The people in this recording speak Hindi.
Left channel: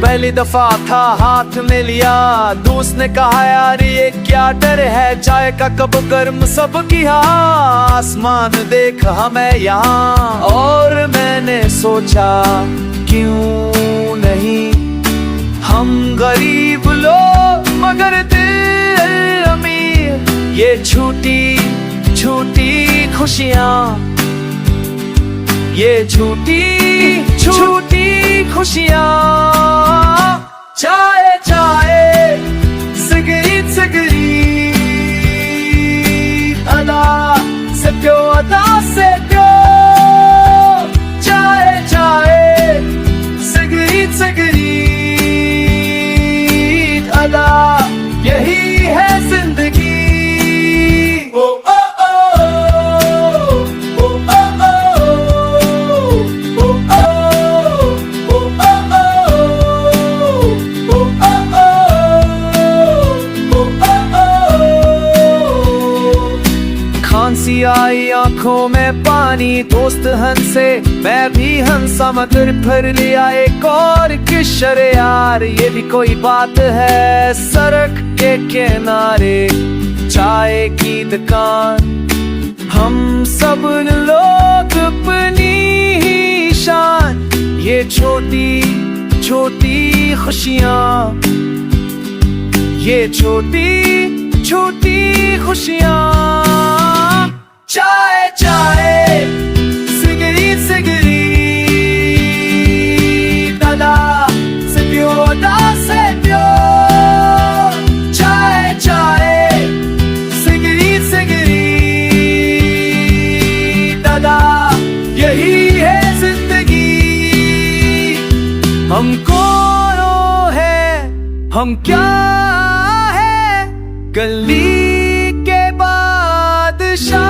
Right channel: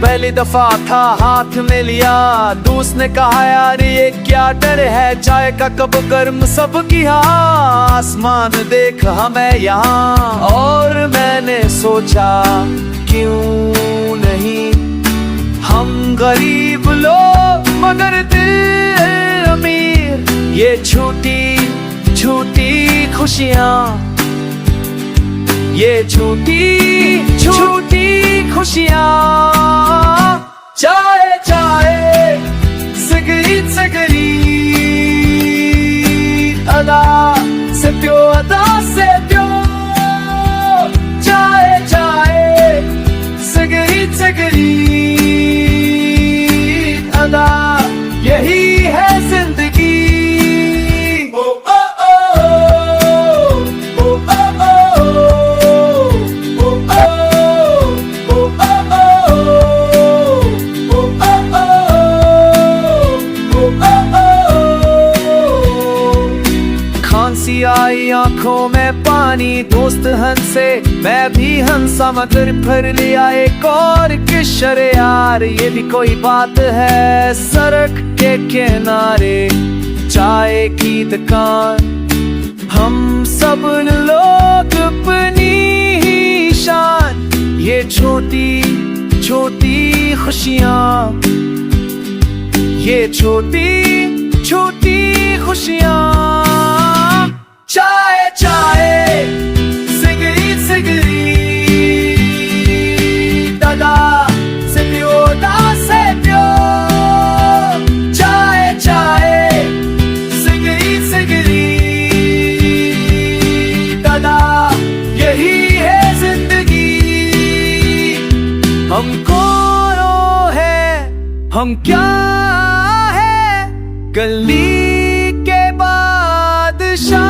पहली दफा था हाथ में लिया, दोस्त ने कहा यार ये क्या डर है, चाय का कप गर्म सब किया, आसमान देख हमें यहाँ। और मैंने सोचा क्यों नहीं, हम गरीब लोग मगर दिल अमीर, ये छोटी छोटी खुशियाँ, ये छोटी छोटी खुशियाँ। चाय चाय सिगरेट सिगरेट, अदा से प्यो अदा से प्यो। चाय चाय सिगरेट सिगरेट, अदा यही है जिंदगी। ओ ओ ओ, खांसी आई आंखों में पानी, दोस्त हंसे मैं भी हंसा, मगर फिर लिया एक और किशोरे यार, ये भी कोई बात है। सड़क के किनारे चाय की दुकान, हम सब लोग अपनी ही शान, ये छोटी छोटी खुशियाँ, ये छोटी छोटी खुशियाँ। चाय चाय सिगरेट सिगरेट, दादा से प्यो दा से प्यो। चाय चाय सिगरेट सिगरेट, दादा यही है जिंदगी। हम कौन है, हम क्या है, गली के बादशाह।